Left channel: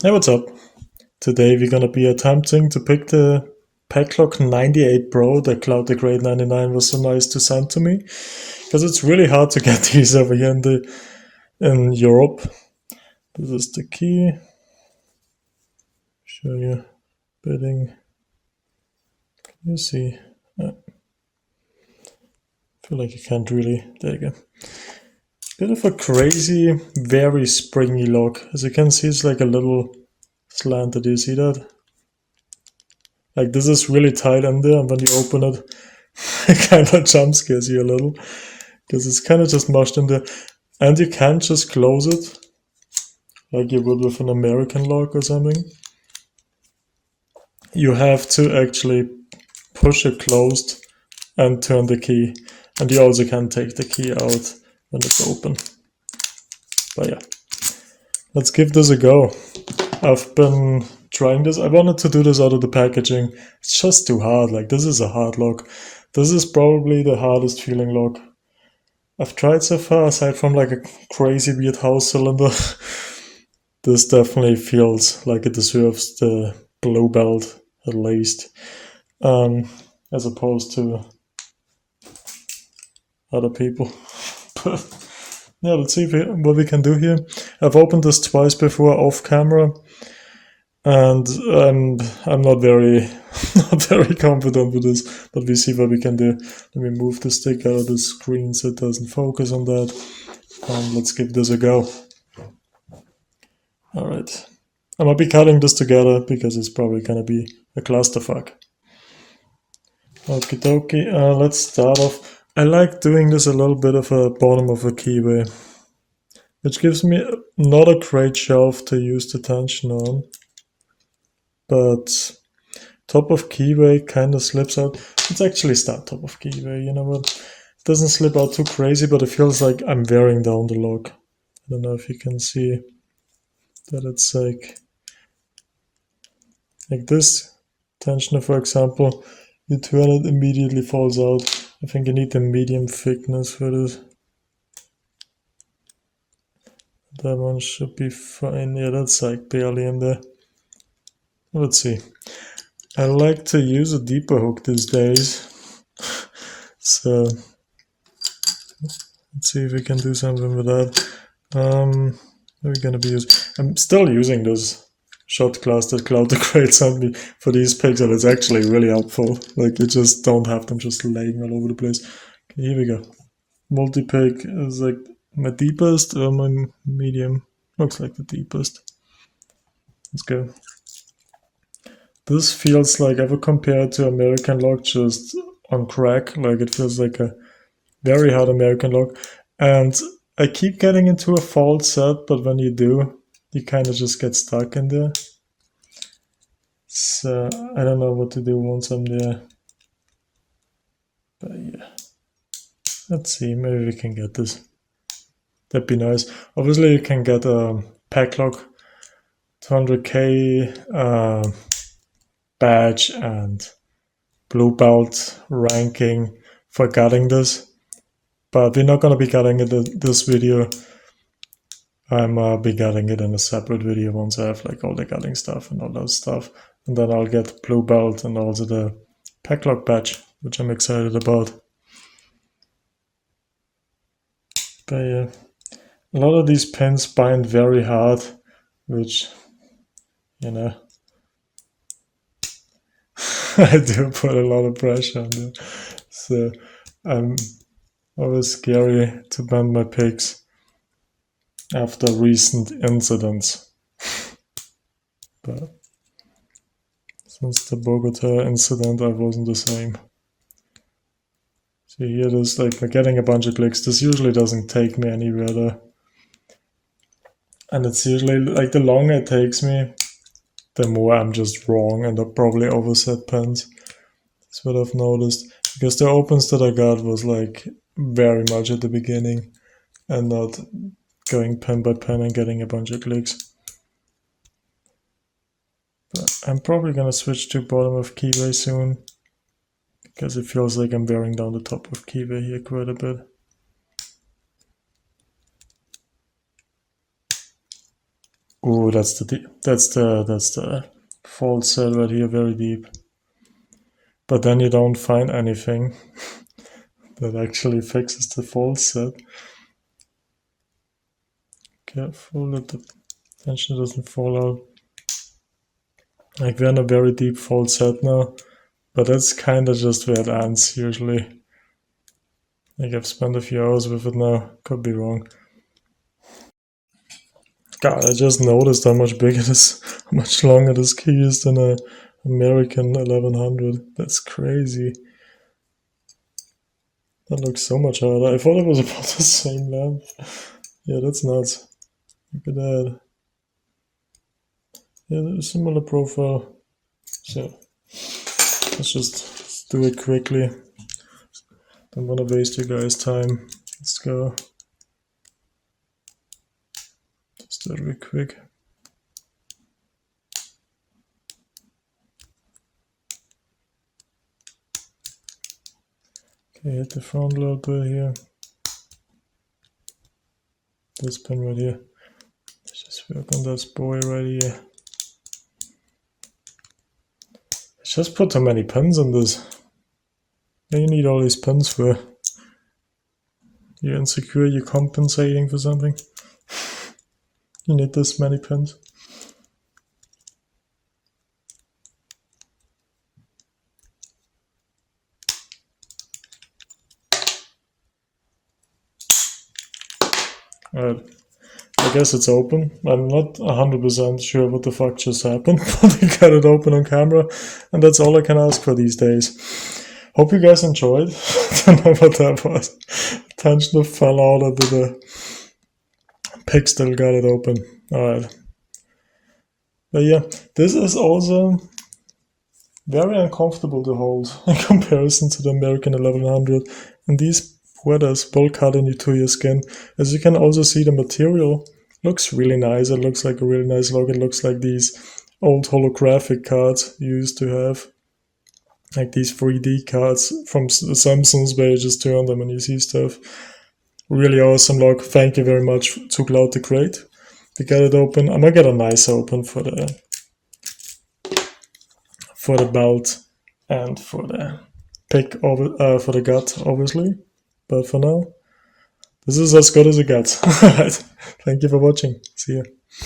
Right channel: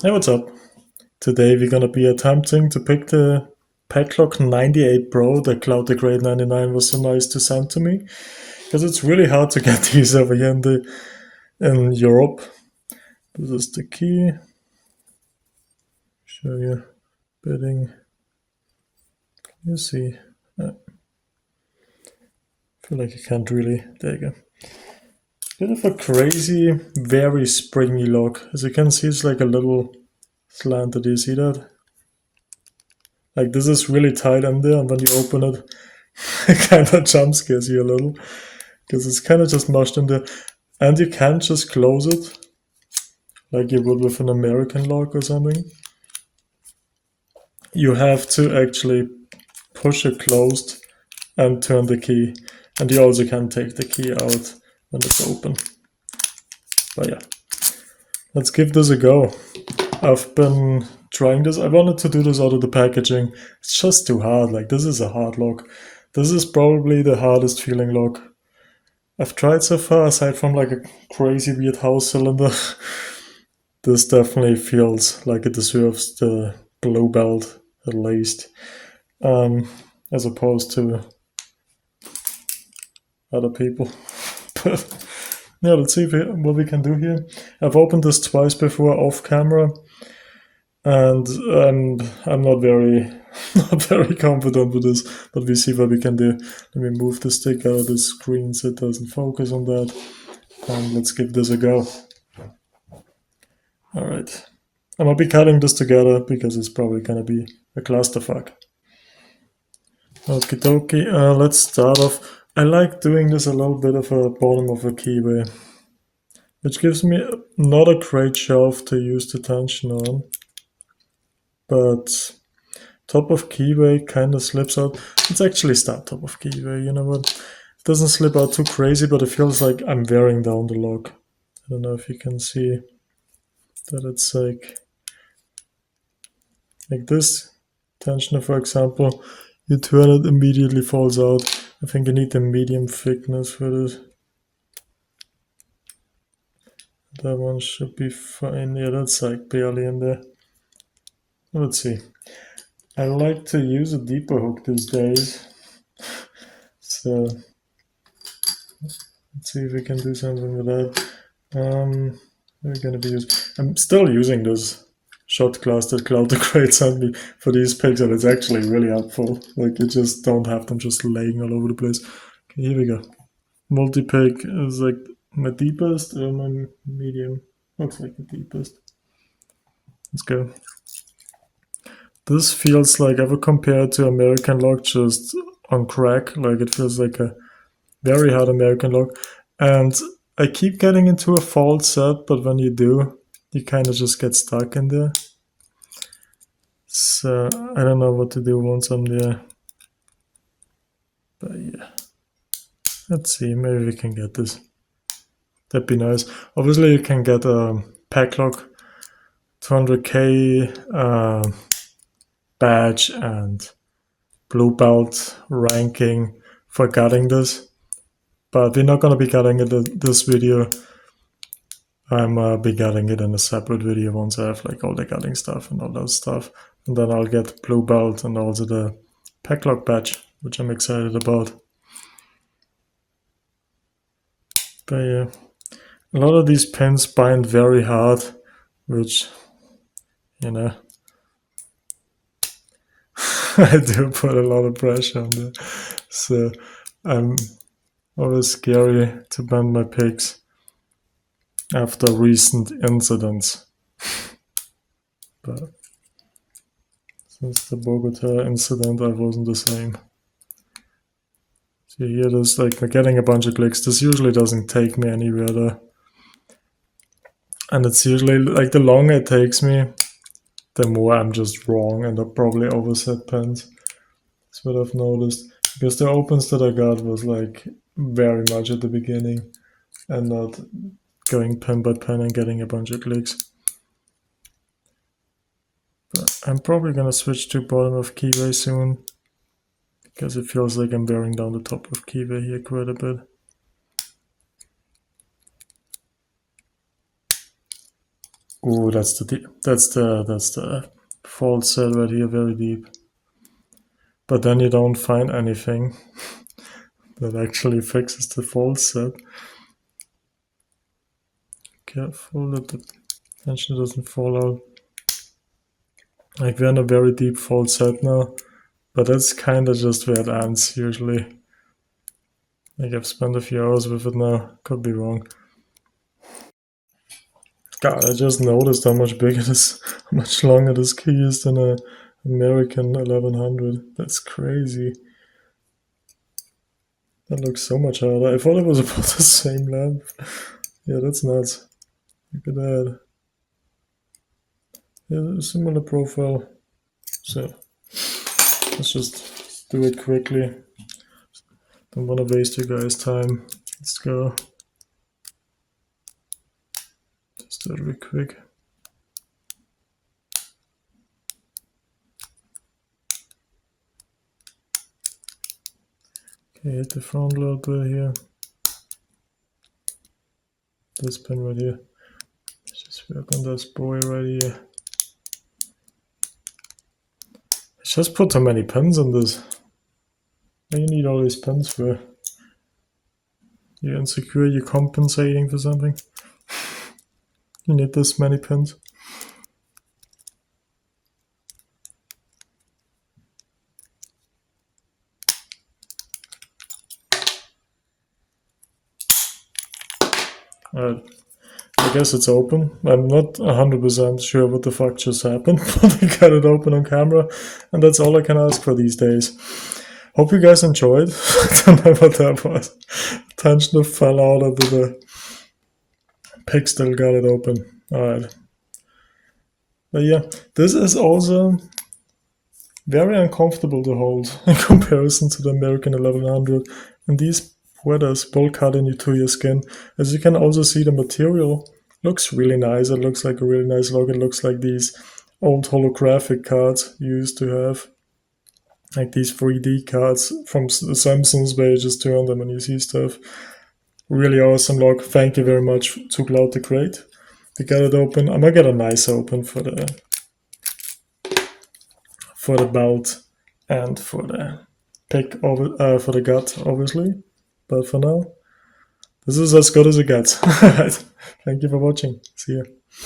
Hey, what's up? Today we're gonna be attempting to pick the Paclock 98 Pro. The Cloud the Great 99 was so nice to send to me because it's really hard to get these over here in Europe. This is the key. Show you bidding. Can you see? I feel like you can't really. There you go. Bit of a crazy, very springy lock. As you can see, it's like a little slanted. Do you see that? Like this is really tight in there, and when you open it, it kind of jump scares you a little because it's kind of just mushed in there, and you can't just close it like you would with an American lock or something. You have to actually push it closed and turn the key, and you also can take the key out when it's open. But yeah, let's give this a go. I've been trying this. I wanted to do this out of the packaging. It's just too hard. Like this is a hard lock. This is probably the hardest feeling lock I've tried so far, aside from like a crazy weird house cylinder. This definitely feels like it deserves the blue belt at least, as opposed to other people. But yeah, let's see what we can do here. I've opened this twice before off camera, and I'm not very not very confident with this, but we see what we can do. Let me move the stick out of the screen so it doesn't focus on that, and let's give this a go. All right, I'm gonna be cutting this together because it's probably gonna be a clusterfuck. Okie dokie, let's start off. I like doing this a little bit of a bottom of a keyway, which gives me not a great shelf to use the tension on, but top of keyway kind of slips out. Let's actually start top of keyway, you know what? It doesn't slip out too crazy, but it feels like I'm wearing down the lock. I don't know if you can see that it's like this tensioner, for example. You turn it, immediately falls out. I think you need the medium thickness for this. That one should be fine. Yeah, that's like barely in there. Let's see. I like to use a deeper hook these days. So let's see if we can do something with that. We're gonna be using. I'm still using this shot class that Cloud the Great sent me for these pics, and it's actually really helpful. Like you just don't have them just laying all over the place. Okay, here we go. Multi-pick is like my deepest or my medium. Looks like the deepest. Let's go. This feels like, if I compare it to American lock, just on crack. Like it feels like a very hard American lock. And I keep getting into a false set, but when you do, you kind of just get stuck in there. So I don't know what to do once I'm there. But yeah. Let's see, maybe we can get this. That'd be nice. Obviously you can get a Paclock 200K badge and blue belt ranking for gutting this, but we're not going to be gutting it in this video. I'm be gutting it in a separate video once I have like all the gutting stuff and all that stuff, and then I'll get blue belt and also the Paclock badge, which I'm excited about. But yeah, a lot of these pins bind very hard, which, you know, I do put a lot of pressure on there. So I'm always scary to bend my picks after recent incidents. But since the Bogota incident, I wasn't the same. So here it is, like we're getting a bunch of clicks. This usually doesn't take me anywhere though. And it's usually like the longer it takes me, the more I'm just wrong and I probably overset pins. That's what I've noticed. Because the opens that I got was like very much at the beginning and not going pin by pin and getting a bunch of clicks. But I'm probably gonna switch to bottom of keyway soon, because it feels like I'm wearing down the top of keyway here quite a bit. Ooh, that's the fault set right here, very deep. But then you don't find anything that actually fixes the fault set. Careful that the tension doesn't fall out. Like, we're in a very deep fault set now, but that's kind of just where it ends usually. Like, I've spent a few hours with it now, could be wrong. God, I just noticed how much bigger this, how much longer this key is than a American 1100. That's crazy. That looks so much harder. I thought it was about the same length. Yeah, that's nuts. Look at that. Yeah, similar profile. So let's just do it quickly. Don't want to waste you guys' time. Let's go. Just do it real quick. Okay, hit the front load right here. This pin right here. Let's just work on this boy right here. I just put too many pins on this. What do you need all these pins for? You're insecure, you're compensating for something? You need this many pins? Alright, I guess it's open. I'm not 100% sure what the fuck just happened, but we got it open on camera, and that's all I can ask for these days. Hope you guys enjoyed. I don't know what that was. Tension fell out of the pick still got it open. Alright. But yeah, this is also very uncomfortable to hold in comparison to the American 1100. And these weathers will cut into your skin. As you can also see, the material looks really nice. It looks like a really nice look. It looks like these old holographic cards you used to have. Like these 3D cards from the Samsungs where you just turn them and you see stuff. Really awesome look. Thank you very much to Cloud the Great. We got it open. I'm gonna get a nice open for the belt and for the pick over for the gut, obviously. But for now, this is as good as it gets. Alright. Thank you for watching. See you.